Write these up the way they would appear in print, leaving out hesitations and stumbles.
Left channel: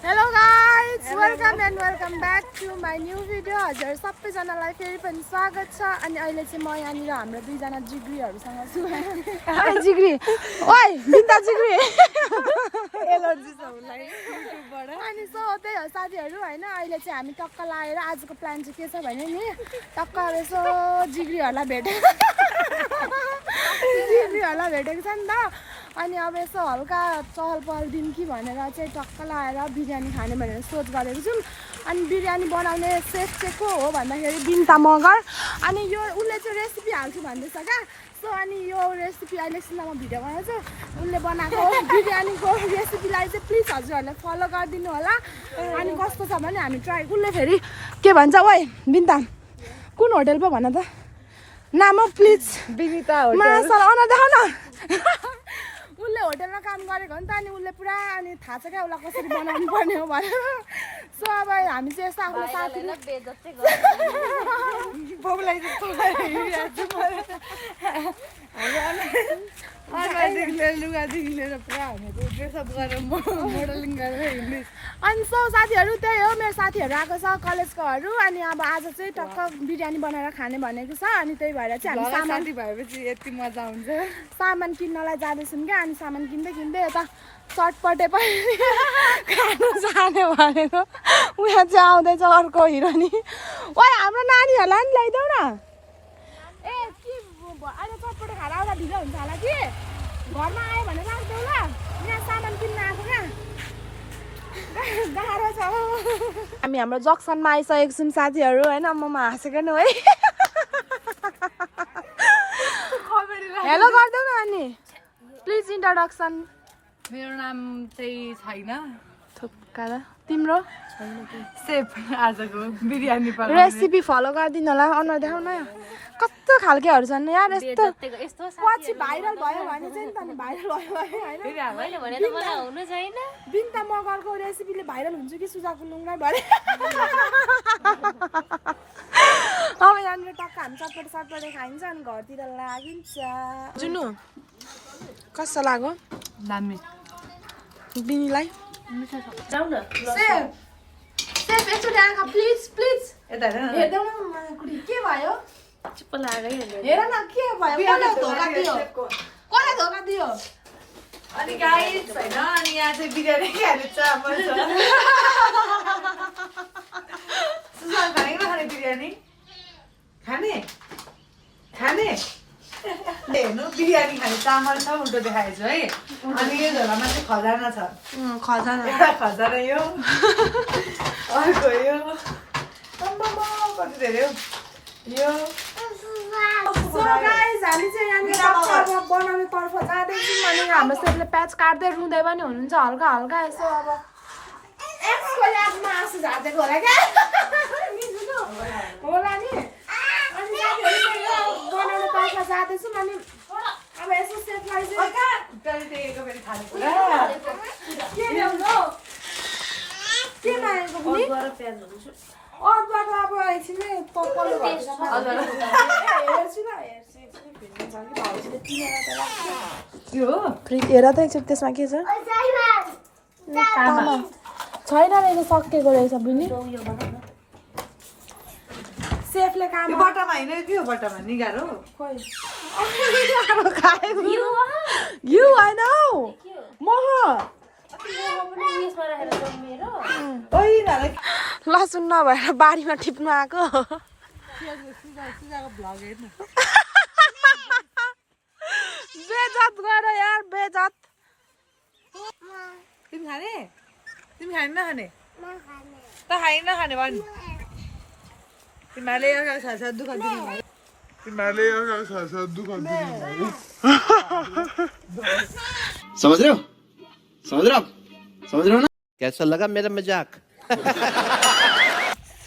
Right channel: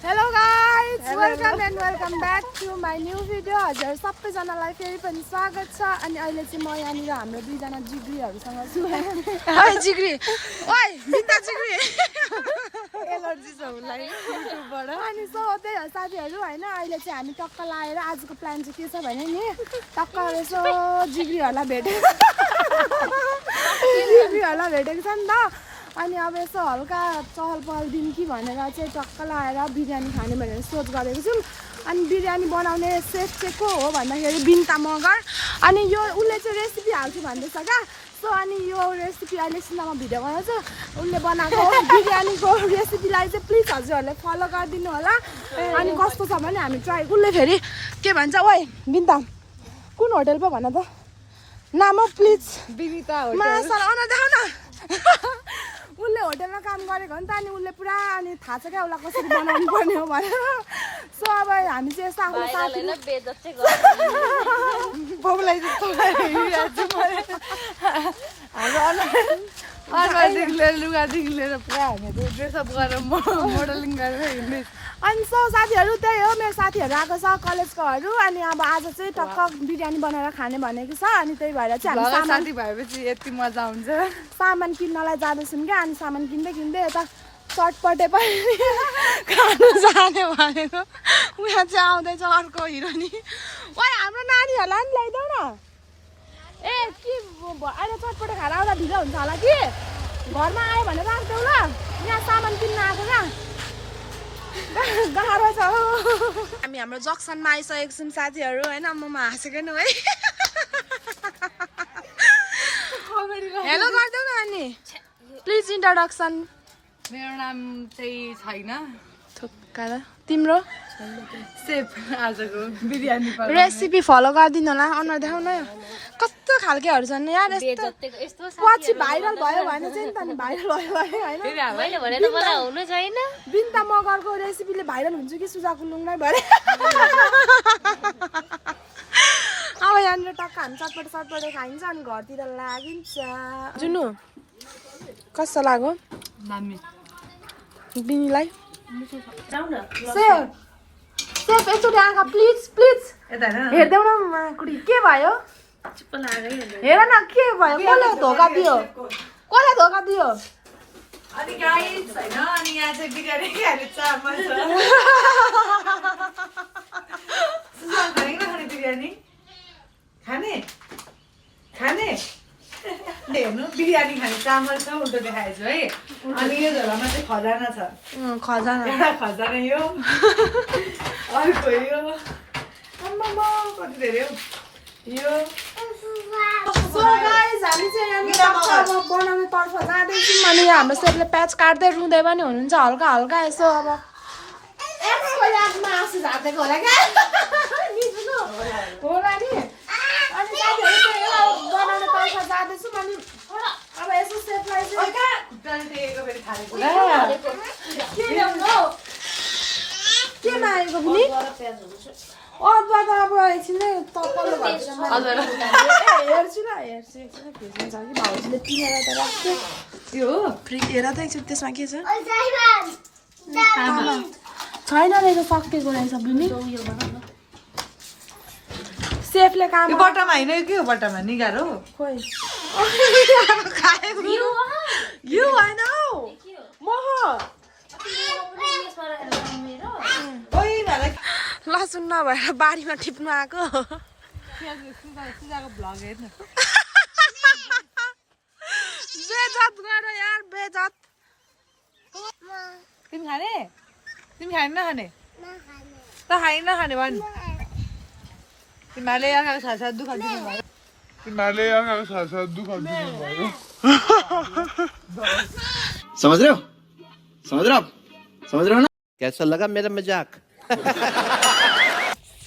Hello guys, welcome and welcome back to my new video. हजुर सबैजनालाई फेरि पनि स्वागत छ अनि अहिले चाहिँ म यहाँनिर हाम्रो दुईजना जिग्रीहरुसँग छु ओइ जिग्री ओइ बिन्दा जिग्री एलर्जी छ मलाई युट्युबबाट अनि सो त्यही हो साथीहरु हैन अहिले चाहिँ हामी टक्क लाएर आजको प्लान चाहिँ के छ भने नि टक्क यसो जिग्रीहरुलाई भेटेको छ नि त अनि अब यसो हल्का चहल पहल दिन कि भनेर चाहिँ टक्क लाएर बिरयानी खाने भनेर सोच गरेको छौँ अनि बिरयानी बनाउने सेफ चाहिँ को हो भन्दाखेरि बिन्ता मगर अनि यो उसले चाहिँ रेसिपी हाल्छु भन्दैछ क्या सो अनि यो रेसिपी अहिले सिन्दामा भिडियो बनाउँछु उसले बनाएको बिरयानीको रेसिपीलाई चाहिँ प्लिज हजुरहरूले फलो गरिदिनु होला अनि कस्तो छ भने हामी ट्राई उसले फेरि के भन्छ ओइ बिन्ता कुन होटल पो भन त नाम प्लिज बिनिता होटल देखाउ न उसले होटलमा काम गरेको हो नि त अनि उसले पुरा अनि थाहा छ क्या उसलाई कसरी बनाउनु पर्ने हो भनेर सो अब हामी चाहिँ यस्तो आफ्नो साथी लुगादेखि लिएर पुरा हामीले ड्रेसअप गरेर मोडलिङ गरेर हिँड्ने अनि सो साथीहरू त्यही हो मेरो साथीहरू आएको छ कलेजकोहरू अनि अब आज चाहिँ टक्क बिरयानी बनाएर खाने भनेको छ अनि त्यही भएर चाहिँ हामी सामान भएपछि यति मजा हुन्छ सामान किन्नलाई जाँदैछौँ क्या अनि सामान किन्दै किन्दै यता चटपटे पनि खानु जाने भनेको उहाँ चाहिँ आउँदैछ अर्को हिरोनी ओइ हाम्रो नानीहरूलाई नि ल्याइदेऊ न ए के अहिले चटपटे खाएर आउँदा ढिलो हुन्छ होला कि घरमा आयो भने राख्देऊ ल यहाँ सामान किन्न आएको क्या गाह्रो छ हामी हाम्रो जक्सनमा आइसकेको छौँ साथीहरू होइन ममा हाँसेको नि है हेलो गरिदेऊ न अनि प्लिज इन्ट्रोडक्सन मेरो नाम चाहिँ छैन थुक्का तिम्रो सेफ आजको बिरयानी रेसिपी फलो गरिदिनु होला अनुहार देखाउ न कस्तो खालकेहरू छन् यार यस्तो पछि भाइरल भयो भने चाहिँ नि त नि भाइरल भयो भने होइन बिन्ता मगरको रेसिपीले भाइरल हुन्छ कि सुजाको लुङमै भरे अब यहाँनिर टक्क हामी चटपटे खाइन्छ अनि घरतिर लागिन्छ जुनु कस्तो लाग्यो बिनीलाई सेफ एकचोटि आँखा प्लिज हेर्देऊ न कुडी के भयो हेर न के भयो कसले धोका दियो अनि गाइस हैन अनि यहाँ चाहिँ बिरयानी खाने चामल छ खाने बिरयानी खाने हेर्नु बिरयानी खाने चामल छ उल्टो देखाएछु है अनि यो झोलामा चाहिँ खजाना छ खजाना यो अर्को यो कति धेरै हो यो सो गाइस हामी चाहिँ यहाँनिर बनाउने तर्फ जाँदैछौँ अनि हाम्रो सेफले प्याच काट्दै रुँदै पनि हुनुहुन्छ हल्का यसो अब यसको यादमा आँसु झार्दैको होला क्या होला नि अनि साथीहरू चाहिँ यो बनाउने तर्फ जाँदैछौँ अनि अब यसो सेफलाई चाहिँ के ल्याउनु के नआएको पनि अदुवा त अब एकछिनै तप्पलले हेर्छु ल भेजिन्छ कि भाउजूले किनेर त राख्छु फ्रिज हेर त एकचोटि त्यसमा के छ छैन रहेछ सकिएको रहेछ बुझ्नु सेफले काम बट्टामा होइन के हो बट्टामा निगारो खोइ भ्यू होइन हौ लसुन नभएर बारीमा टिप्नु आएको बेजत गर यार बेजत तिमी खाने नखाने त नखाने भन् तिमीहरूले आँखाको साथ दुःख दिनु भयो समझ रहे हो ना कैसा लगा मेरा मजाक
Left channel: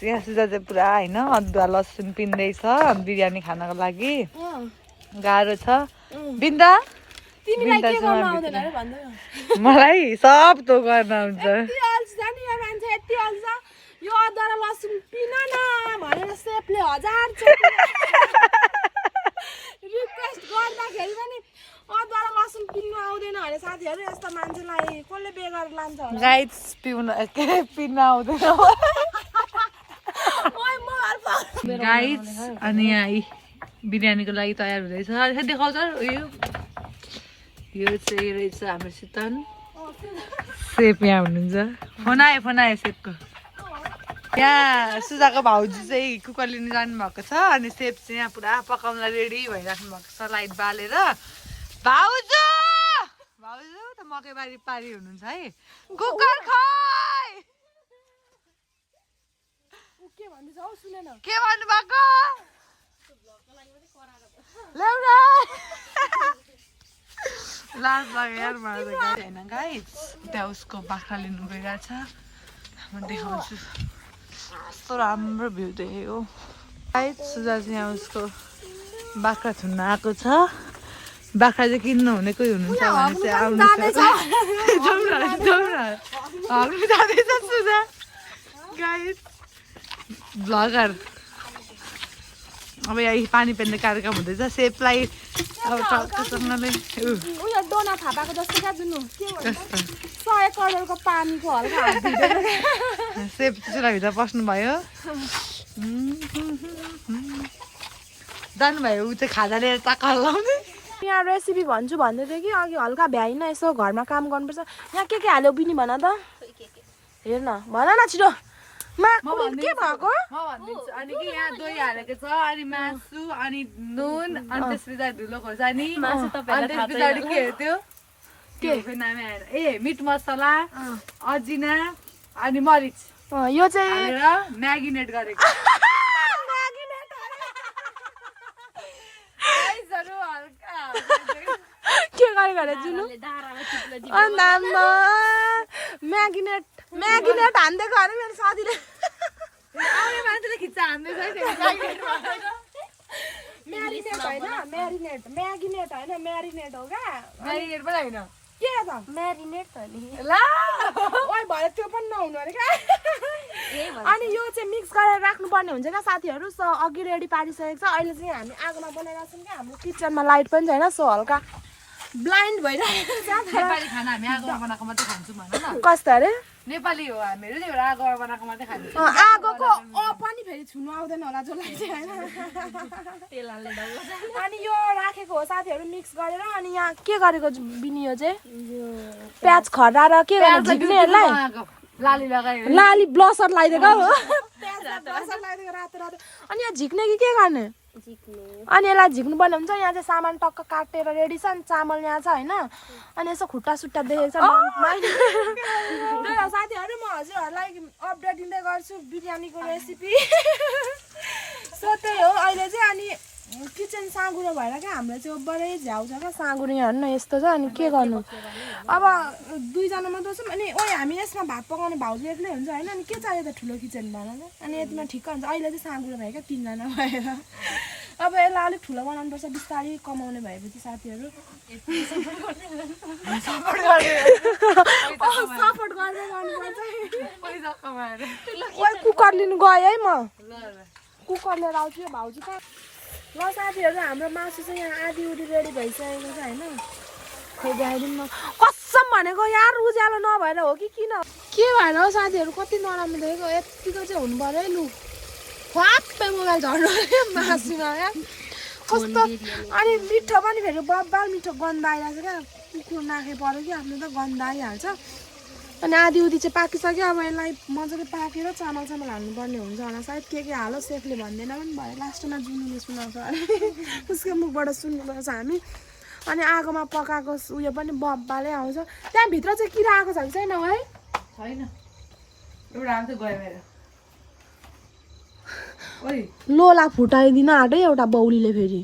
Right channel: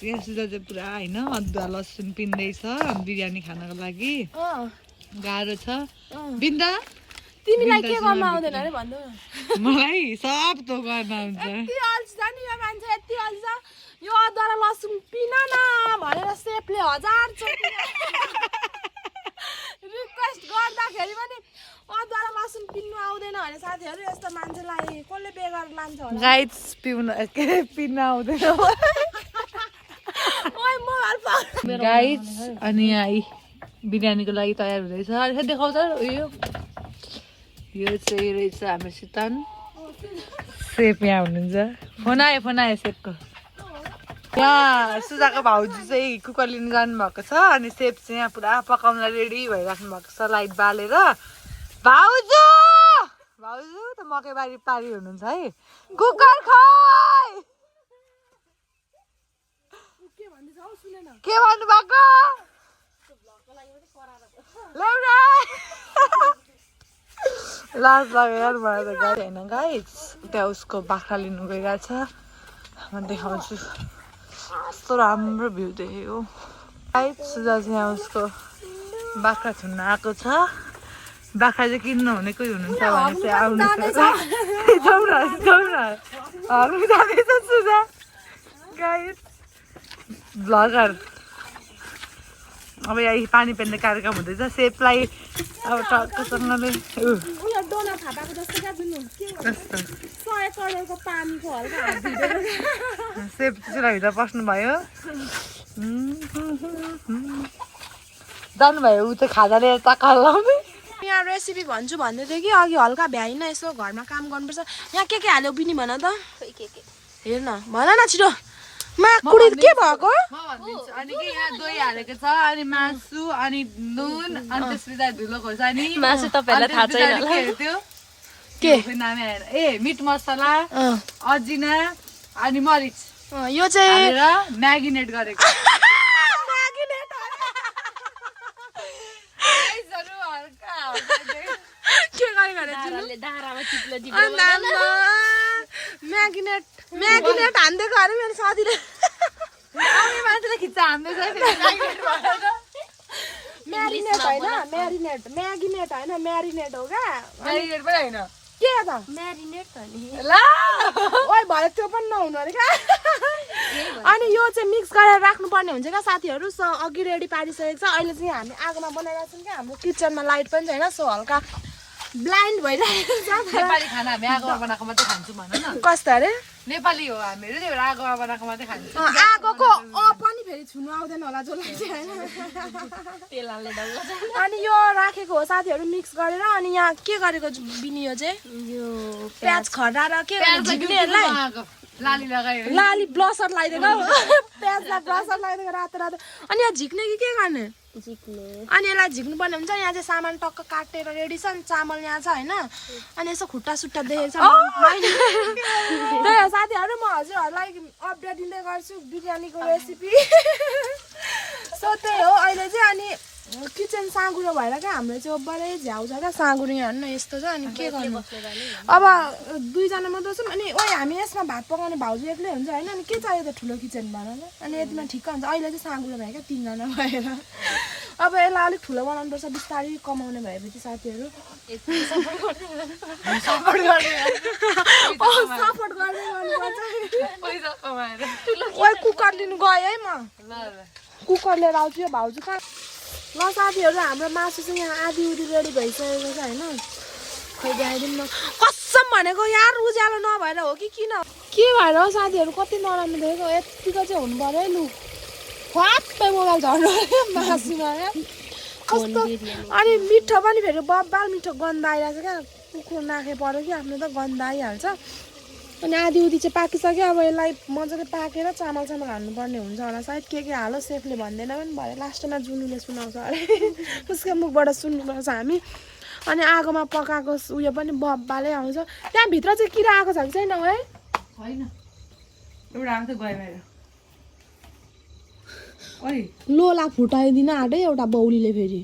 सुजा चाहिँ पुरा होइन अदुवा लसुन पिन्दैछ बिरयानी खानको लागि गाह्रो छ बिन्दा तिमीलाई के गर्न आउँदैन अरे भन्दै मलाई सब तो गर्न आउँछ यति अल्छी छ नि यो मान्छे यति अल्छी छ यो अदुवा र लसुन पिन न भनेर सेफले 1000 चोटि रिक्वेस्ट गर्दाखेरि पनि अदुवा र लसुन पिन्नु आउँदैन भने साथीहरू यस्तो मान्छेलाई कसले बेगर लान्छ होला गाइस पिउन के पिन आउँदैन ओइ म हल्पा गाइस अनि आई बिरयानीको लागि तयार हुँदैछ अहिले देखाउँछ यो चाहिँ रहेछ हाम्रो सितन सेफ यहाँ हुनुहुन्छ फोन आयो सेफको यहाँ सुजाको भाउजू चाहिँ कुकर लिनु जानुभएको छ अनि सेफ चाहिँ यहाँ पुरा पकाउनलाई रेडी भइराख्नु भएको छ लाइट बालेर भाउजू त मकैबारी पारी हुनुहुन्छ है कुकर खोइ के भन्नु भएको लाज लाग्यो यार मलाई त गाडी होइन गाइस त्यहाँ उसको बाख्रा लिनु गइरहेछ म देखाउँछु कस्तो राम्रो भ्यू देखेको गाइस सुजा चाहिँ यहाँ उसको बाख्रा छुन्न आएको छ बाख्रा चाहिँ किन्नु हुने कोही हुनुहुन्छ भने चाहिँ आउनुहोस् हामी जाँदैछ सुजा गाइस भ्लगर अब यहाँ पानी पेर्ने कार्यक्रम हुँदैछ सेफलाई अब टक्कसँगले उयो डोना थापाको जस्तो क्या जुन 100 करोडको पानीको हल्का हात भिडेर सेफ त्यसलाई भित्र पस्नु भयो जानुभयो ऊ चाहिँ खाजा लिएर टक्का लाउने यहाँ रेसिपी भन्छु भन्दै थियो कि अघि हल्का भ्याइन यसो घरमा काम गर्नुपर्छ यहाँ के हाल्यो बिनी भन त हेर न भन न छिटो माकुडी के भएको म भनिदिन्छु अनि के यहाँ दही हालेको छ अनि मासु अनि नुन अनि त्यसपछि धुलो खोर्सानी मासु तपाईहरुलाई थाहा छैन के हो त्यो के नामै आएन ए मिट मसला अजिना अनि मरिच यो चाहिँ म्यागिनेट गरेको के गरे जुनु म्यागिनेट हान्दिएको अरे मेरो साथीले मान्छेले खिच्चा हान्दैछ म्यारिनेट होइन म्यागिनेट होइन म्यारिनेट हो क्या म्यारिनेट पनि होइन के त म्यारिनेट हो नि ओइ भरे त्यो पनि नहुनु अरे क्या अनि यो चाहिँ मिक्स गरेर राख्नुपर्ने हुन्छ क्या साथीहरू सो अघि रेडी पारिसकेको छ अहिले चाहिँ हामी आगोमा बनाइरहेको छौँ क्या हाम्रो किचनमा लाइट पनि छैन सो हल्का ब्लाइन्ड भइरहेको छ नेपाली खाना हामी आगोमा बनाएको मात्रै खान्छौँ भन न कस्तो अरे नेपाली हो हामीहरू नि आगोमा बनाएको मात्रै खान्छौँ आगोको पनि फेरि छुनु आउँदैन होला जसलाई चाहिँ होइन अनि यो राखेको हो साथीहरू मिक्स गरेर अनि यहाँ के गरेको बिनी यो चाहिँ प्याज खर्रा र के झिक्नेहरूलाई लाली लगायो लाली ब्लसर लगाइदिएको प्याजलाई ब्लसर लगाइदिएको रातो रातो अनि यहाँ झिक्ने कि के गर्ने अनि यसलाई झिक्नु पर्ने हुन्छ यहाँ चाहिँ सामान टक्क काटेर रेडी छ अनि चामल यहाँ छ होइन अनि यसो खुट्टा सुट्टा देखेको छ साथीहरू म हजुरहरूलाई अपडेट दिँदै गर्छु बिरयानीको रेसिपी सो त्यही हो अहिले चाहिँ अनि किचन साँगुरो भएर क्या हाम्रो चाहिँ ओभरै झ्याउ छ क्या साँगुरो यहाँ हेर्नु यस्तो छ अनि के गर्नु अब 2 जना मात्रै छौँ अनि ओइ हामी यसमा भात पकाउने भाउजू एक्लै हुन्छ होइन अनि के चाहियो त ठुलो किचन भन त अनि यतिमा ठिक्क हुन्छ अहिले चाहिँ साँगुरो भयो क्या 3 जना भएर अब यसलाई अलिक ठुलो बनाउनुपर्छ बिस्तारै कमाउने भएपछि साथीहरू सपोर्ट गर्दै गर्नुपर्छ ओइ कुकर लिनु गएँ है म कुकर लिएर आउँछु यो भाउजू कहाँ ल साथीहरू हाम्रो मासु चाहिँ यहाँ आधी उधी रेडी भइसकेको छ होइन खोइ देखाइदिउँ न कसम भनेको यार उज्यालो नभएर हो कि किन के भएर हो साथीहरू कति नराम्रो देखेको यतिको चाहिँ हुनु पर्यो है लु फाप्पै मोबाइल झर्नु मासुमा क्या कस्तो अनि मिठो पनि फेरि बब्बाल मिठो गन्ध आइरहेको छ क्या कुकुर नाखे पऱ्यो कि आफ्नो त गन्ध आइहाल्छ अनि आधी उधी चाहिँ पाकिसक्यो अब यसलाई मजाले पाकेर चामल हाल्नुपर्ने हुन्छ होला सायद के हालो सेफले भन्दैन पनि भरे लास्टमा जुनुले सुनाउँछ अरे उसको मुखबाट सुन्नुपर्छ हामी अनि आगोमा पकाएको उयो पनि बब्बाले आउँछ त्यहाँभित्र चाहिँ किरा आएको छ कि छैन है छैन एउटा आउँछ गयो बाहिर ओइ लोला फुटाइदिन आँटे एउटा बौलीले फेरि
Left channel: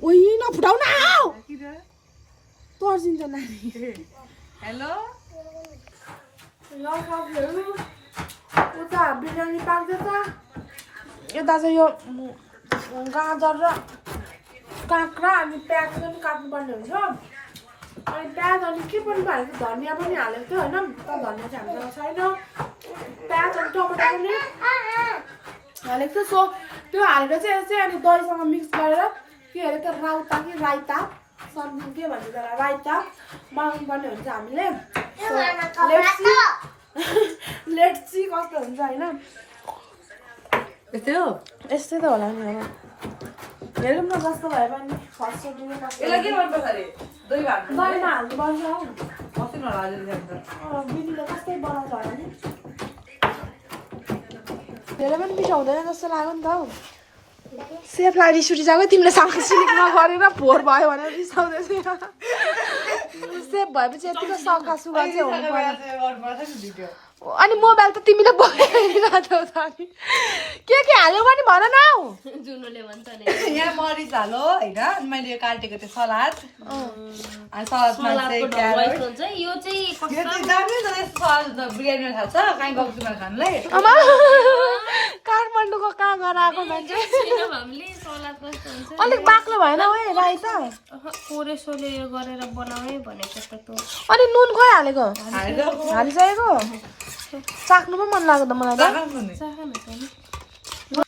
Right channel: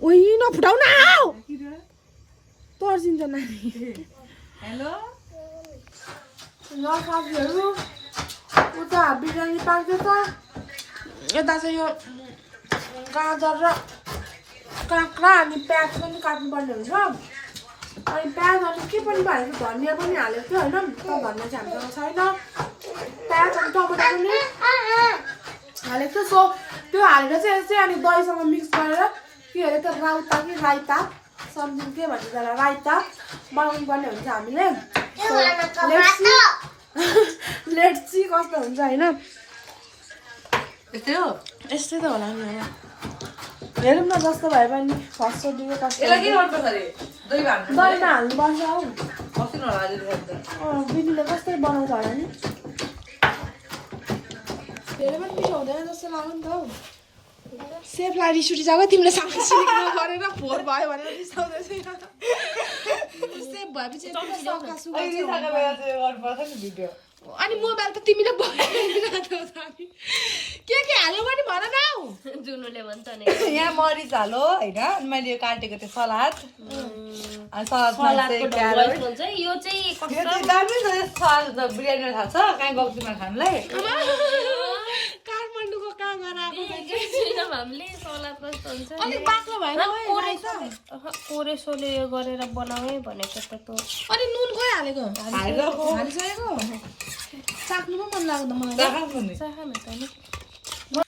ओइ नफुटाउ न तर्सिन्छ नानी हेलो ल साथीहरू उता बिरयानी पाक्दैछ यता चाहिँ यो गाजर र काँक्रा अनि प्याज पनि काट्नुपर्ने हुन्छ अनि प्याज अनि के पनि हालेको धनियाँ पनि हालेको थियो होइन तर धनियाँ चाहिँ हामीसँग छैन प्याज अनि टमाटर पनि हालेको थियो सो त्यो हालेर चाहिँ यसै अनि दहीसँग मिक्स गरेर के अरे त्यो राउता कि राइता समथिङ के भन्छ त्यसलाई राइता बनाउनु पर्ने हुन्छ हामीले लेट्स सी कस्तो हुन्छ होइन यस्तै त होला नि अब हेरौँ न कस्तो भए पनि फर्स्ट दिने कस्तो दहीमा हाल्नुपर्छ हौ दिदीले कस्तै बनाउँछ होला नि धेरै पनि पिठो हुँदैन जस्तो लाग्यो नि त हौ सेफलाई रिस उठिरहेको तिमीले साग सिलिक नगरेर फोहोर भयो भनेर रिसाउँदै सेफ भएपछि यतिको सघा सुगा चाहिँ हुनु पर्यो अनि मोबाइल त तिमीले बोलिरहेको छौ नि के हाल्यो भने भन न हौ जुनुले भन्छ नि यहाँ मरिच हालो होइन अनि मैले यो काटेको त्यो सलाद अनि सलादको ढङ्ग हुन्छ यो चाहिँ दामी छ यस्तो सलाद बिरयानी थाहा छ कहीँ गउँछुमा खानलाई काठमाडौँको कहाँ गएर आएको मान्छे हामीले सलाद कस्तो हुन्छ अलिक बाक्लो भएन ओ राइता कोरेसोले यो गरेर बनाउनै भनेको त अनि नुन खोइ हालेको हालिसकेको चाख्नु पो मन लाग्यो त मलाई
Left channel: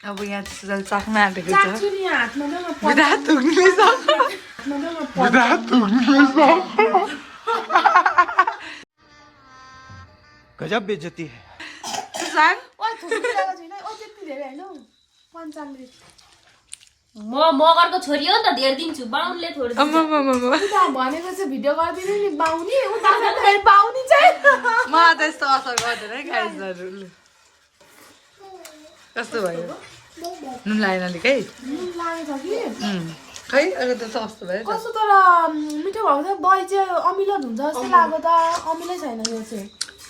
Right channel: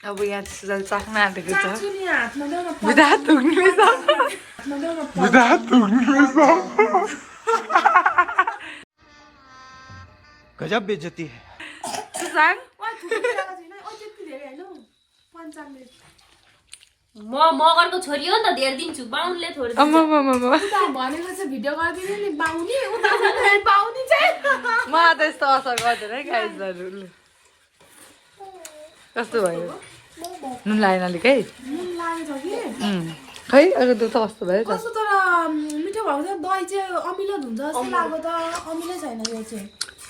अब यहाँ चाख्न आँटेको छ गजब बेइज्जती है म मगरको छोरी हो नि त धेर दिन्छु बाहुनले थोरै भनेको चाहिँ भिडियो गरिदिनु नि बाहुनी उता बाहुनी चाहिँ म त यस्तो असर गर्दैन है गाइजहरू कस्तो भयो नुन लागेन अलिक है नुन लागेछ कि खै अघि त कस्तो भयो कस्तो तर मिठो भएको छ दही चाहिँ अमिलो हुन्छ जस्तो लाग्यो त अमिलै छैन यो चाहिँ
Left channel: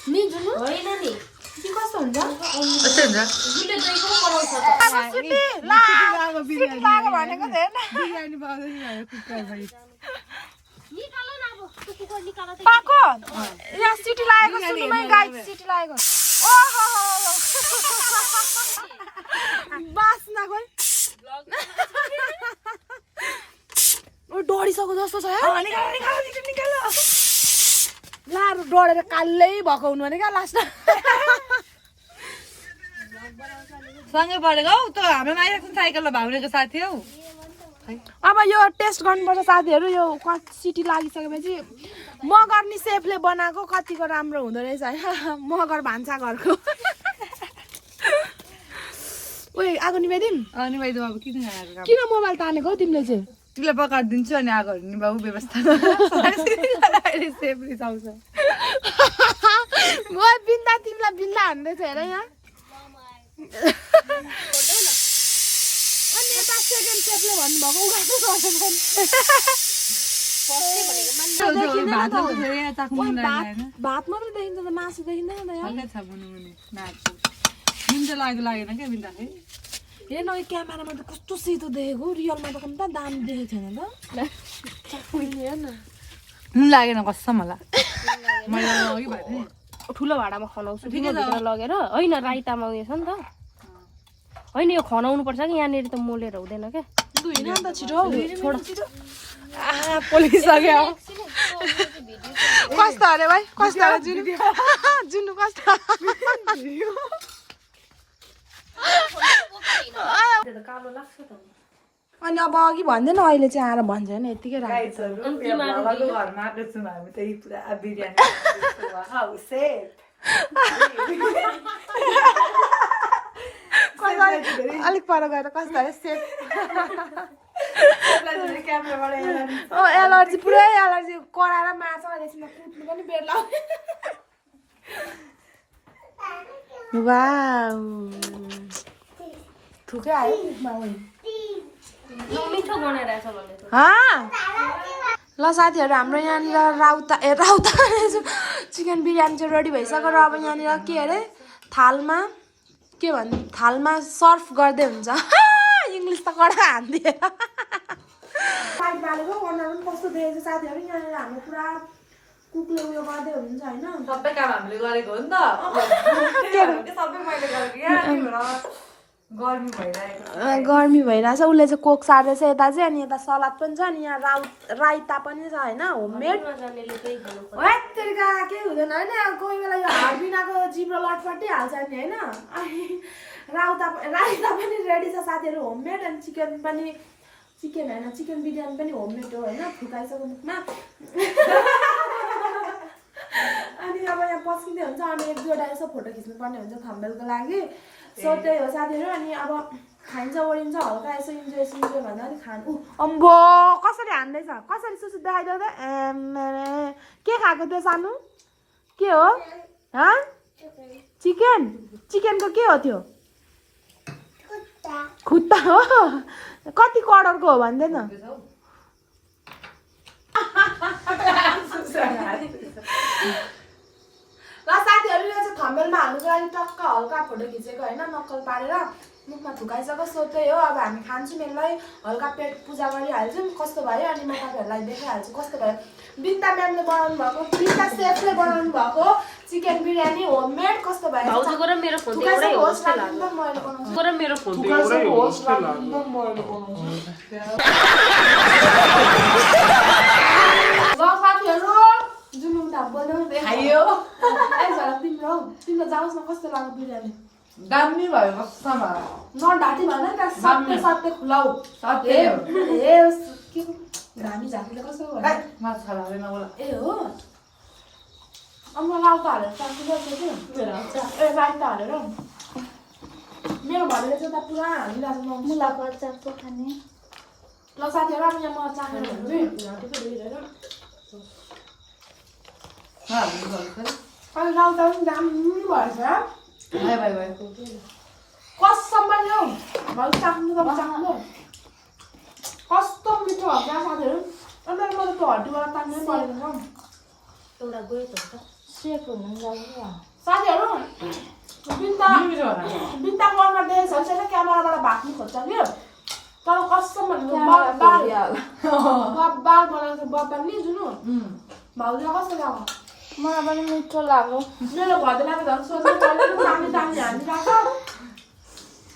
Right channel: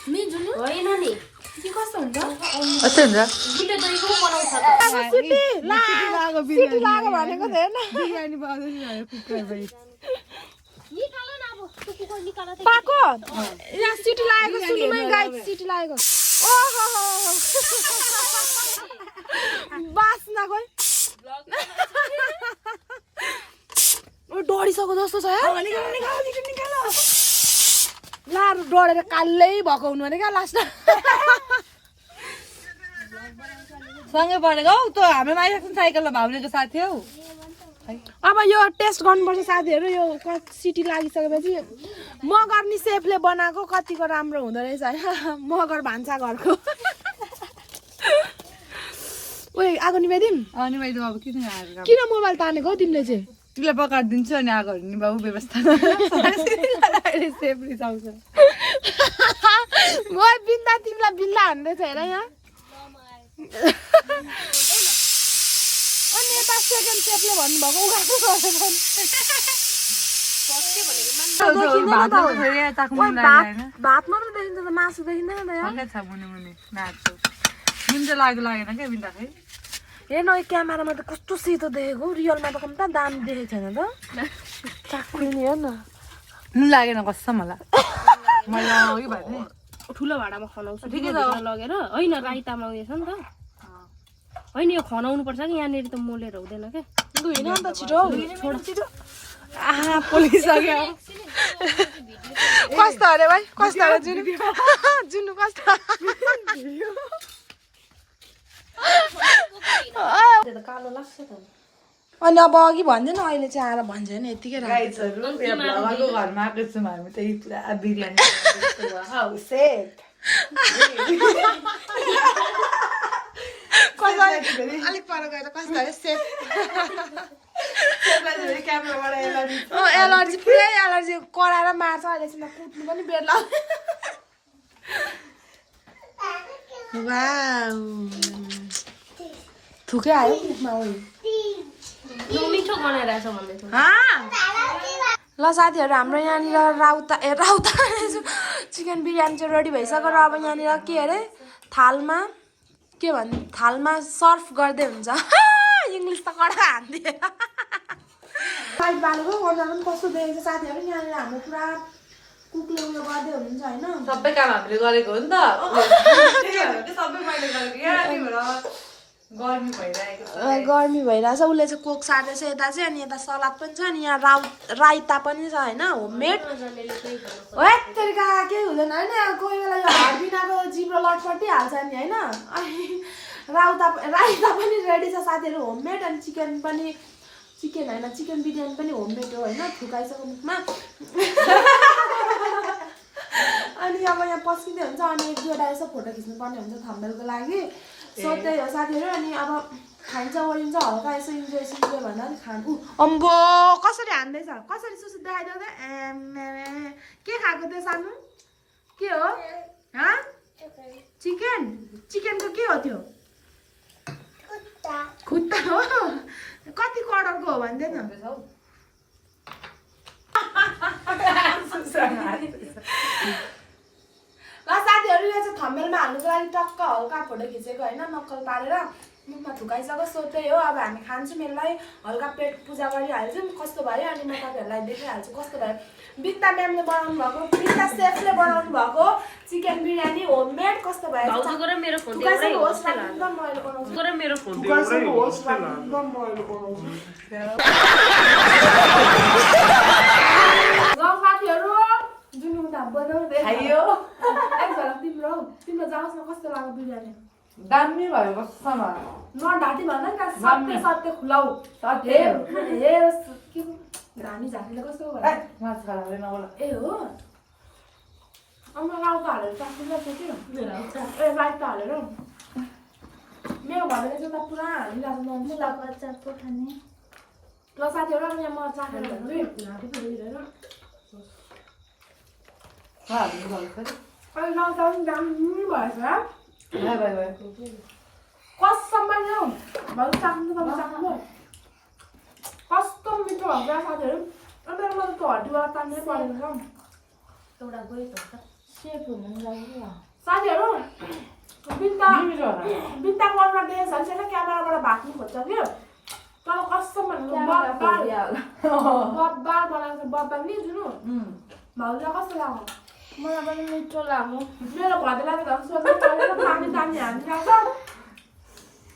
नि जुनु होइन नि के कस्तो हुन्छ कस्तो हुन्छ मिठो दहीको बनाउँछ बिरयानी बनाउँदैछ कुकर पनि निकाल न अब त्यो कुकर निकाल त पाको यहाँ सिटी लागेको सुन्नुमै गाइस सिटी लागेको ओहो बास्ना खोइ ओ डढिसक्यो जस्तो छ यार लार डढेर कालै भएको हुनु भने क्या लास्टमा सँगै पढेको हौ त्यो हाम्रो माइलेको साइकलमा भाउनेको साथी हौ अब यो टेस्ट गर्नुपर्छ साथीहरू यो सिटी लागिसकेपछि मगर नि सेफले बनाएको कतिको राम्रो हुँदो रहेछ होइन मगर भान्सा घरको ओए आगो निभाइदिउँ निभाइदिउँ अब किन मोबाइल तानेको हौ तिमीले चाहिँ तिमीलाई पकाइदिन्छु अनि आगोहरू निभाऊ व्यवस्था सेफ रिसाउँछ म बिन्दा तिमीलाई बिन्दा हान्दैछ हेर यहाँ अनि यता सेकेन्ड सेफले भन्नुभएको भात मात्रै देखिन्छ त मासु देखिँदैन त लागेन क्या बिन्दा खै हेर्न क्यामेरामा त कस्तो सेतो देखेको रियलमा त कम्ता दामी देखेको छैन त चाक्रिने हेर न नुन लागेन कसम होला मलाई ठुलो भाँडामा खनाउँछु लगेर होइन राइतामा उयो छ नि त होइन यो खनाउनु पर्छ कि यहाँनिर त मोलेर हुँदैन क्या लु हिँड अन्त छिटो छोड पोलिसक्यो कस्तो अरे भाइ कस्तो अरे जुनु कस्तो अनि अब अघि भन्दैन अहिले चाहिँ आएर भन्छ होइन यतिकै राखेको घरमा आएको छौँ हामी त पुरा बिरयानी अलिक पर गएर कस्तो अरे सेफ एलर्जी पुरै एलर्जी कराएर मार्छ अहिले कुट्नु पनि बेर लाग्यो वाउ थुकै आयो त्यसमा मिठो बनाइरहेछ भन्दै थियो ल साथीहरू हाम्रो यहाँनिर राउता चिकन बिरयानी चाहिँ रेडी भइसक्यो र अब यहाँनिर के अरे थालमा के भन्नु थालमा सर्भ गर्दै हुन्छ इङ्ग्लिस त कडा हान्दिएर साइड बालेको अनुहार पनि कस्तो देखेको छ साथीहरू यहाँनिर हाम्रो पुरा कुकले उयो गर्दै हुनुहुन्छ होइन सबै काम हामीले गरेको हो नि त सबै मैले गरेको यहाँ गर्मी भइरहेको छ गर्मी भइरहेछ उसले चाहिँ कोक सार्दैछ यता चाहिँ अनि यता सलाद पनि छ अनि यहाँ राइता पनि छ होइन होममेड हो यत्तरीका केही हुँदैन होइन कोही बेला यो हाड बिनाको जिब्रो लटपटिहाल्छ नि होइन अनि राइता पनि रेडी छ साथीहरू होममेड अनि चिकन होइन चिकन बिरयानी पनि होममेड हो होइन थुकाइसक्यो मुखमा अनि अब यहाँ पस्किँदै हुन्छ अनि एक दुईवटा यसो फोटो खिच्नुपर्ने हुन्छ थम्बनेलको लागि सो त्यही हो साथीहरू अनि अब खान्छ ओरिन्छ हल्का यसो इन्जोय भन्दा नि खानु अम्बो कसरी हान्दैछ कसरी सुसु देखाइदेऊ त के खाएको त्यो सानो के हो चिकनको के हो त्यो खुट्टा हो कति कलरको हो भन्दै न ल साथीहरू यो चाहिँ थम्बनेलमा हाल्नुको लागि टक्क हल्का फोटो खिचेको होइन नक्कल पारेर मुखमा थुकाइसक्यो सो त्यही हो अब हामी खान्छौँ यसलाई हल्का पेट पूजा गरिहाल्छौँ कस्तो भयो अनि म तपाईँहरूलाई देखाइहाल्छु कस्तो भयो बिन्ता म्यामले बनाउनु भएको बिन्ता सेफले बनाउनु भएको चिकन बिरयानी होममेड कस्तो भयो थुकाइसक्यो होस् राख्नु त मैले बनाउँछु थुकाइसक्यो होस् राख्नु त मैले बनाउँछु ल साथीहरू जुन उता बनाउँदै खाइयो तिम्रो जाओस् न कस्तो लाग्यो बिरयानी दामी भयो कस्तो नढाँटी भन नि त सत्य खुलाउ घामी झाँकीले कस्तो भयो ए हो अन्त राउता हालेर चाख्नुपर्छ त्यो राइता हालेर मेरो घरले चाहिँ त पुरा हालिरहेको मुलाको खाने ल साथीहरू अब यहाँ म चाखेर भन्छु अनि राउता पनि दामी भएछ कसम पनि हौ भन्छ चाख्नु कस्तो मिठो हुन्छ साथीहरू अन्त मैले त्यो हड्डीबाट तान्नै परेन एउटा गयो त सेफ हुनु जानु साथीहरू बिन्ताको अनुहार देखेको छ भने क्यामेराबाट भाग्नु खोज्छ कि तर कसम भनेको बब्बाल बनाएको बब्बाल नि जुन भाउजू कस्तो लाग्यो मलाई पनि मिठो लाग्यो मेरो घरलाई झन् सोध्नु परेन दामी हालिरहेको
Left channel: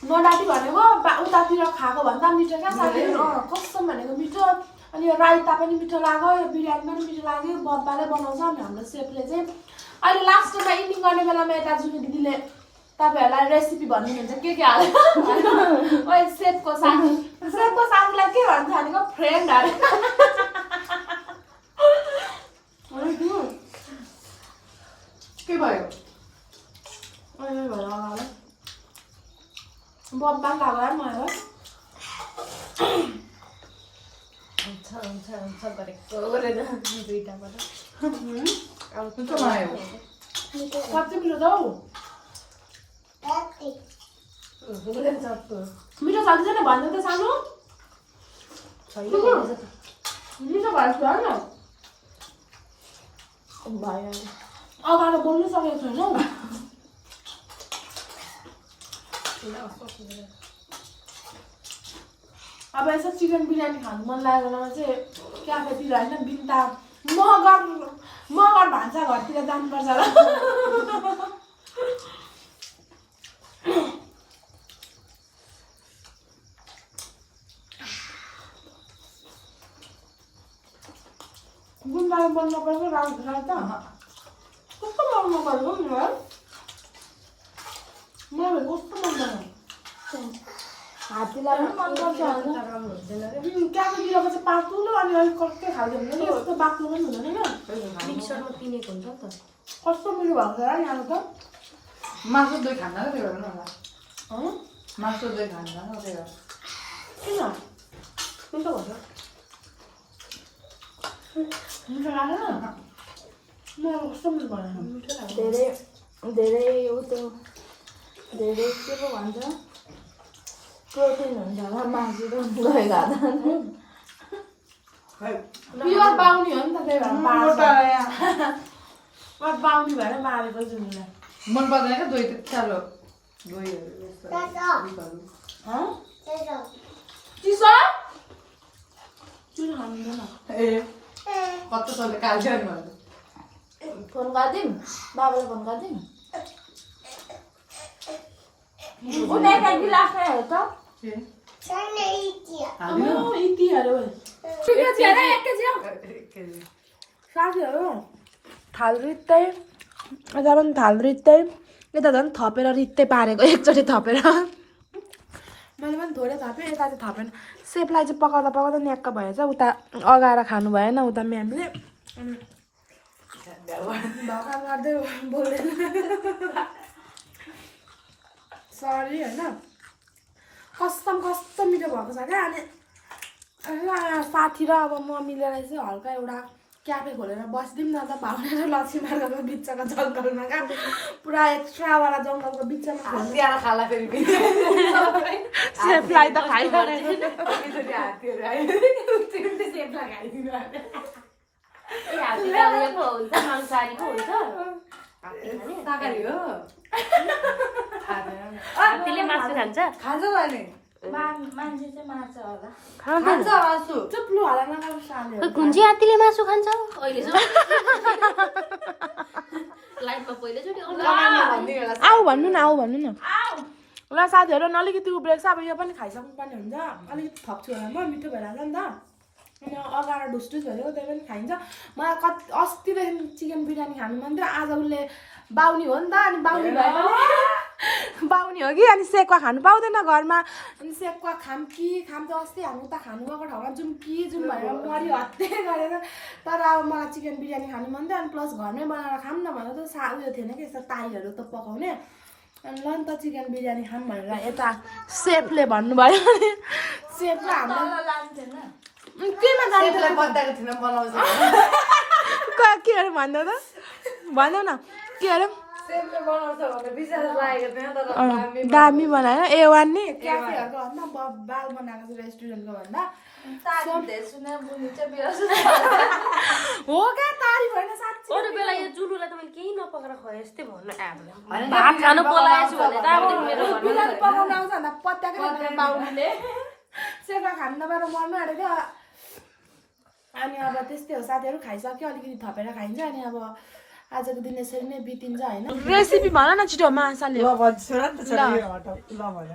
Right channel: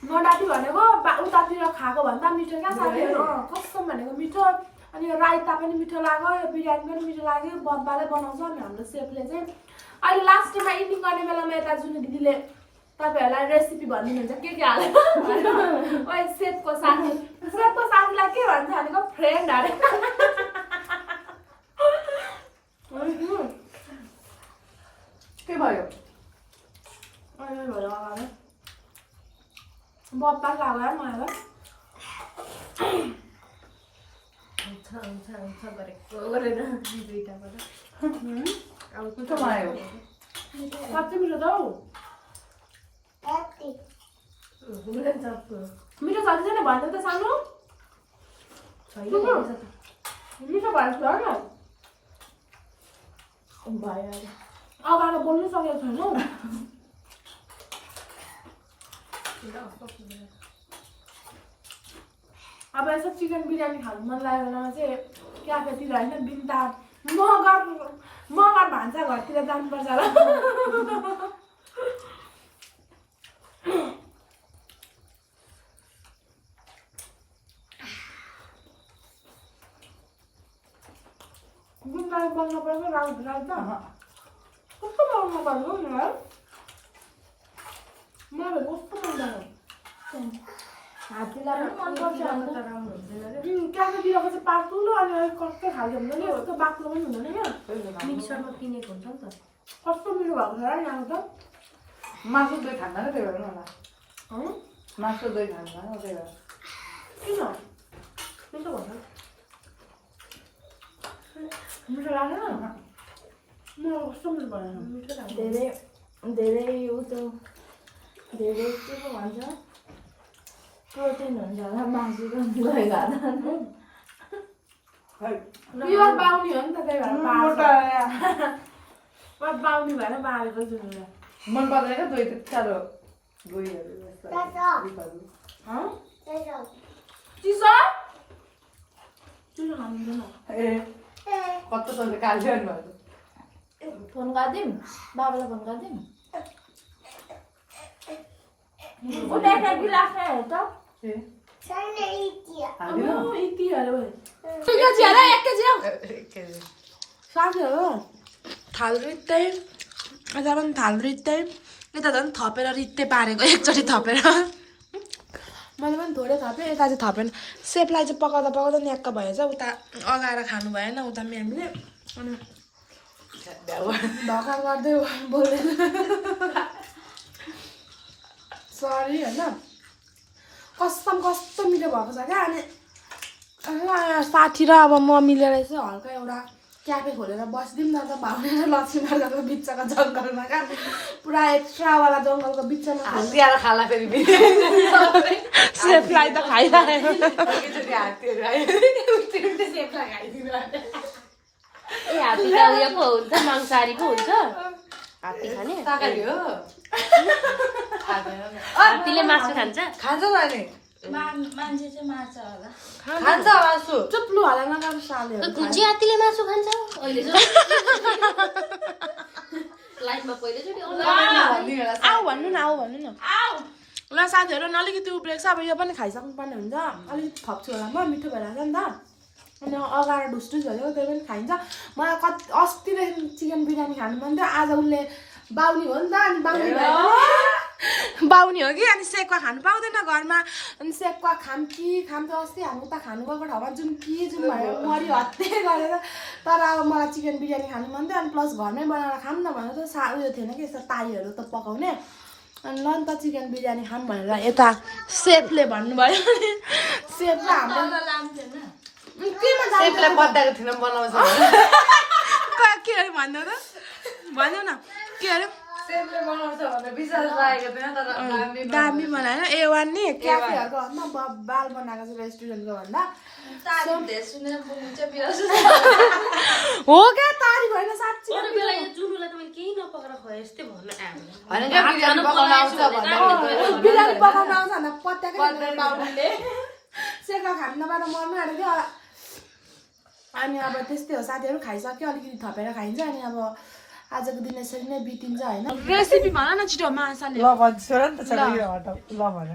नडाटी भनेको उतातिर खाएको भन्दा मिठो क्या साथीहरू कसम भनेको मिठो अनि यो राइता पनि मिठो लाग्यो यो बिरयानी पनि मिठो लाग्यो बब्बाले बनाउँछ अनि हाम्रो सेफले चाहिँ अहिले लास्ट टाइममा इटिङ गर्ने बेलामा यता जुन दिदीले तपाईँहरूलाई रेसिपी भनिदिनुहुन्छ के हाल्यो अहिले सेफको साथीलाई के भन्छ भनेको फ्रेन्ड अरे के भयो बब्बा लाग्यो मलाई मिठो भयो साँच्चै मिठो त हौ मिठो छ कि छैन भन्नु त सानो मिठो भएछ होइन अगाडि बोल्नु सकेको छैन अब यसो चिकन बिरयानी खानु मन लागेको चाहिँ क्याफेतिर होइन बिन्ता मगर भान्सा घरतिर जानुपर्छ होला बिन्ताले बोल्नु पर्छ राउता कस्तो मन नगरेको नि है मलाई कस्तो मन लाग्यो हात्तीलाई पनि मन पर्छ क्याफेतिरको चाहिँ पातलो अनि अलिक कस्तो खालको हुन्छ नि यस्तो बाक्लो पनि हुँदैन क्या मिक्सरमा पिनेको हुन्छ नि त कस्तो मिठो भएको छ है यहाँ त मासु दही खान्न क्या त्यही भएर होला मासु दही खान्छ त्यही भएर किन मिठो भन्छ मिठो लाग्यो मलाई कस्तो मिठो भयो धेरै उ त्यो धेरै के पो भन्छ प्रोटिन हुन्छ होला मासु त गयो खाँदा प्योर बाउनी हो नि त त्यही भएर बाउनी भएर मारेको जुन मन पर्दैन क्या दही त्यति साह्रो दहीहरू चिसो चिसो खाँदैन ए कस्तो तैँले काल्छ नि भन्नु फोन गरिदिउँ बाबालाई फोन गरिदिउँ उनीहरुको गिलासै हो त इतिहरु केजी हेर 1 केजी हो साथीहरु थाल रित्तै यता पनि थाल रित्तै यता झन् थपेर रित्तै पारेको एकचोटि थपेर मैले पनि थोरै थपेँ यता चाहिँ थपेन सेफलाई चाहिँ पकाउँदा पकाउँदा न्याक्क भएछ उता अगाएर खानु भएन उता म्यामले अनि ढका गर्दै बोल्दैन सरी होइन कसम कस्तो मिठो भएको छ क्या अनि साथी र अब म मिलेर चाहिँ हल्का एउटा क्याफे खोलेर बसिदिउँ न त भाउने र लक्ष्मी मार्गको बिचको जङ्गलमा क्या पुरा एक्स्ट्रावाला जङ्गलको बिचमा हल्दिएर खाला फेरि सेफलाई त खाइरहेको हात्तीको उयोको हुन्छ मांसाहारीको हुन्छ हात्ती खाने शाकाहारी हो हात्तीले मासु खान्छ खान्छ त अनि मान्छे चाहिँ मार्छ होला खान्छ मासु चुप्लु होला नगाउनु सालेहरू कुन चाहिँ हात्तीले मासु खान्छ अहिले लाइफमा पहिलोचोटि आऊ भन्नु न ल साथीहरू अलिकति उब्रेको छ अब यो पनि खाइसक्नु पर्ने हुन्छ अलिकति थप्छु होला म मिठो भइरहेको छ नि त अनि अगाएर ढुसढुस भनेको त्यही पनि खाइन्छ मलाई अस्तिदेखि चिकन बिरयानी खानु मन थियो आज उसले बाउनी हो नि त अनि बाउनी भए पनि बाउनी हो कि अनि सेक्वा खानु पाउँदैन घरमा अनि सेक्वा खाम त अस्ति हामी उता खानु गएको ठाउँमा जाउँ भनेर मरि हत्ते गरेर तर अब मलाई चिकन बिरयानी खानु मन थियो अनि प्लस घरमै बनाएर खाऊँ न भनेर त उयो थिएन कि यस्तो ताईहरू त पकाउने अनि ल नि त चिकन बिरयानी खाऊँ भनेर यता सेफले भन्नुभयो अनि सेफ र हाम्रो केमा सेफलाई पत्ताको थिएन बनाउँछ के अरे भन्नु त भन्नु न के अरे सेफले बनाउँछ भनेर विश्वास लागेको थिएन तर दामी बनायो A1 नि क्याफेहरूको भन्दा बाल बनाएको छ रेस्टुरेन्टको भन्दा हो क्या तारिफ होइन साँच्ची अरू बेला यो जुनुलाई त मैले केही नपकाएर खुवाएँ जस्तै भन्नु बिरयानी पकाउनु आउँछ भन्दा पत्याकै बाउले सेका खानु नपाएर मर्नु आँटेको थियो अनि अब त्यस्तै हो साथीहरू खाइसक्यो अलिकति थपेर खाइन्छ अनि अब आजको दिन यसरी नै बितिन्छ होइन रेसिपी भन न छिटो माछाले ल भन्छु र नि त ल भन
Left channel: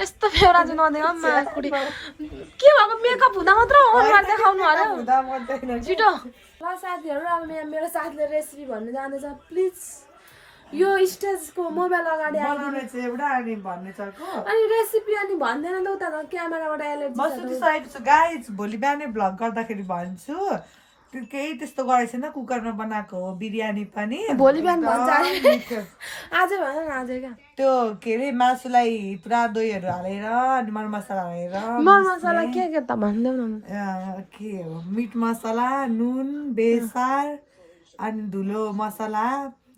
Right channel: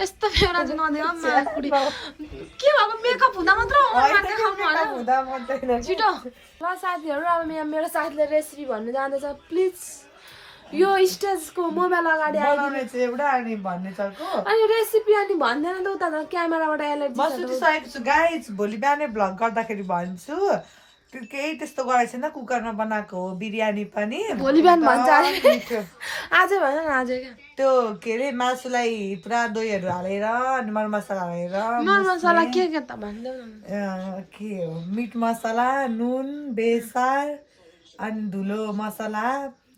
यस्तो फेरा चाहिँ नदेऊ माकुडी के भएको मेकअप हुँदा मात्र अनुहार देखाउनु होला छिटो ल साथीहरू अब मेरो साथीले रेसिपी भन्नु जाँदैछ प्लिज यो स्टेजको मोबाइल अगाडि आइदिनु एउटा अनि भन्ने चर्को अनि रेसिपी अनि भन्दैन त उता त क्यामेराबाट एलर्जी गाइज भोलि बिहानै भ्लग गर्दाखेरि भन्छु त्यो केही त्यस्तो गरेको छैन कुकरमा बनाएको हो बिरयानी पनि भोलि बिहान भन्छ आजै भन न आजै क्या त्यो के अरे मासुलाई पुरा दहीहरू हालेर अनि मरमसला हालेर मरमसला के त भनिदेऊ न के हो मिट मसला नुन बेसार अनि धुलो मसला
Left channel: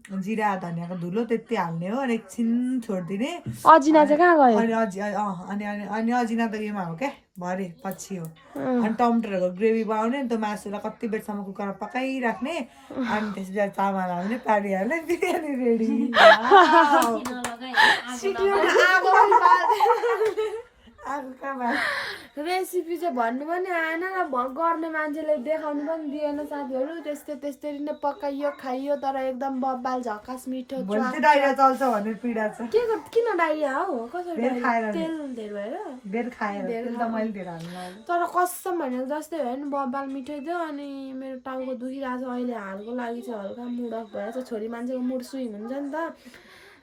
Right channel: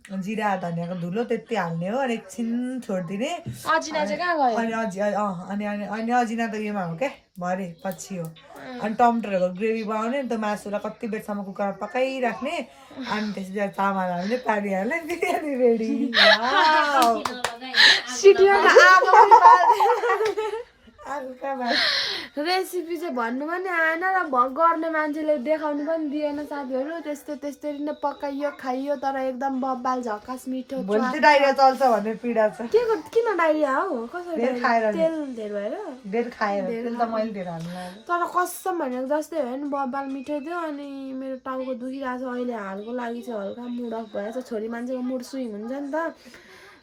जिरा धनियाँको धुलो त्यति हाल्ने हो अनि एकछिन छोडिदिने अजिना चाहिँ कहाँ गयो अनि अजिना त योमा हो क्या भरे पछि हो अनि टमाटरहरूको ग्रेभी बनाउने अनि त्यो मासुलाई कति बेरसम्म कुकरमा पकाइराख्ने अनि त्यसपछि चामल हाल्ने पानी हाल्ने बिरयानी रेडी रेसिपी चाहिँ भन्नु पनि आएन र गर्ने मान्छेले देखाउनु पनि दिएन साथीहरू त्यसरी नै पकाइयो खाइयो तर एकदम बब्बाल झक्कास मिठो डाइरिया चल्छ भन्ने पीडा छ के किन डाइरिया हो कसरी तेल धेर खाएर तर कसम भनेको जस्तै भयो नि बब्बाल मिठो थियो अनि मेरो टाउको दुखिरहेको छ अहिले हालको लागि चाहिँ हल्का मुड अफ भएछ छोरी मान्छेको मुड स्विङ हुन्छ नि त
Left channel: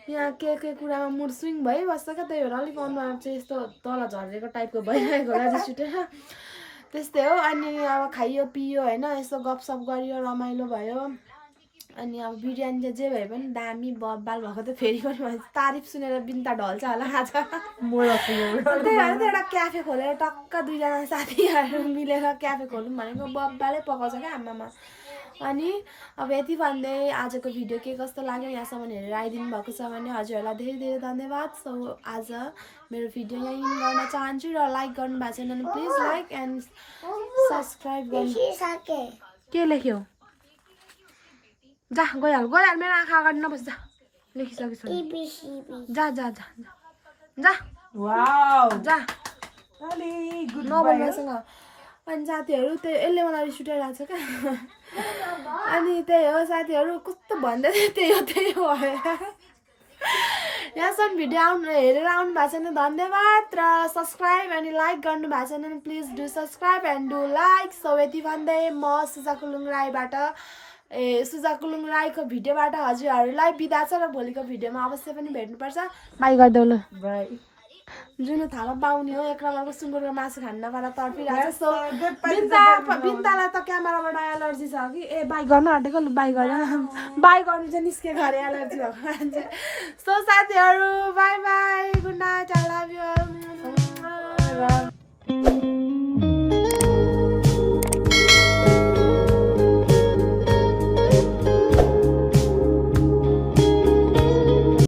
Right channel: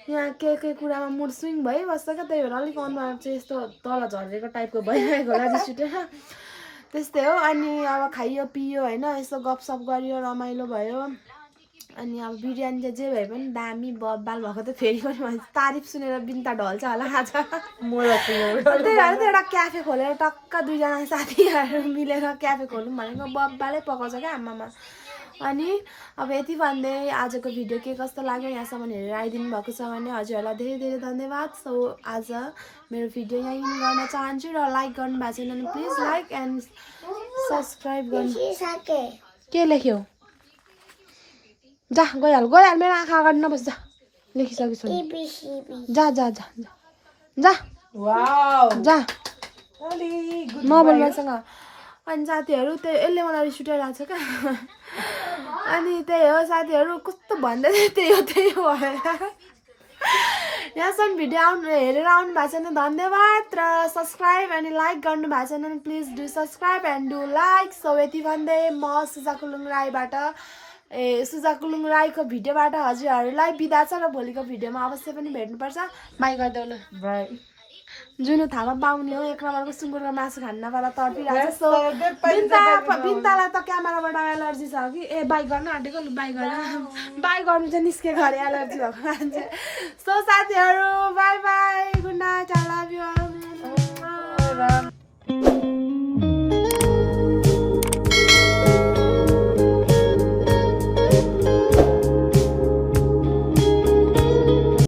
यहाँ के कुरामा मुड स्विङ भइबस्छ क्या त्यही भएर अलिक अनुहार चाहिँ यस्तो तल झरेको टाइपको भइरहेको होला रिस उठेर त्यस्तै हो अनि अब खाइयो पियो होइन यस्तो गफसफ गरियो रमाइलो भयो अनि अब बिरयानी चाहिँ जे भए पनि दामी बब्बाल भएको त फेरि पनि भन्छ तारिफ सुनेर बिन्ता ढल्छ होला आज त्यही भएर त एउटा क्याफे खोलेर टक्क दुईजना साथीहरू मिलेर क्याफे खोलौँ भनेको बब्बालै पकाउँछ क्या आमामा अनि अब यति भन्दै आजको भिडियो के कस्तो लाग्यो यहाँसम्म हेरेर आइदिनु भएको छ भने हजुरहरूलाई धेरै धेरै धन्यवाद सो आज मेरो भिडियो यहीँ गर्न चाहन्छु र लाइक गर्नु भएको छैन भने प्लिज लाइक एन्ड सब्सक्राइब गर्नु के लेख्यो जा गइहाल मेरो आँखा अगाडि नबस् जा लेखिसकेछु जा जा जा जा जा नबोल्नुसँग अनि साथीहरू त्यही यसले मलाई रिस उठाइरहेको छ क्या अनि त्यही हो साथीहरू कस्तो भन्दै थियो त्यही हो यहाँसम्म भिडियो हेरेर आउनु भएको छ भने धन्यवाद र सब्सक्राइब अनि लाइक गर्नु भएको छ भने please do subscribe and do like. So यति भन्दै म सुजा कुलुङ राईबाट सुजा कुलुङ राईको भिडियोबाट हजुरहरूलाई बिदा छ र भोलिको भिडियोमा अवश्य पनि भेट्नुपर्छ। बाई गरिदेऊ ल। बाई। जुन थाहा पाउने हो 1 नम्बरको सुँगुरको मासु खान्न वाला तर्पिरहेको छ। सो बिन्तालाई त क्यामेराबाट एलर्जी छ कि बाई गर्नु आँटेको लु बाई गर्नु बाई गर्नु चाहिँ निस्केको अरे एलर्जी भएको मान्छे। सो साथीहरू बाई बाई।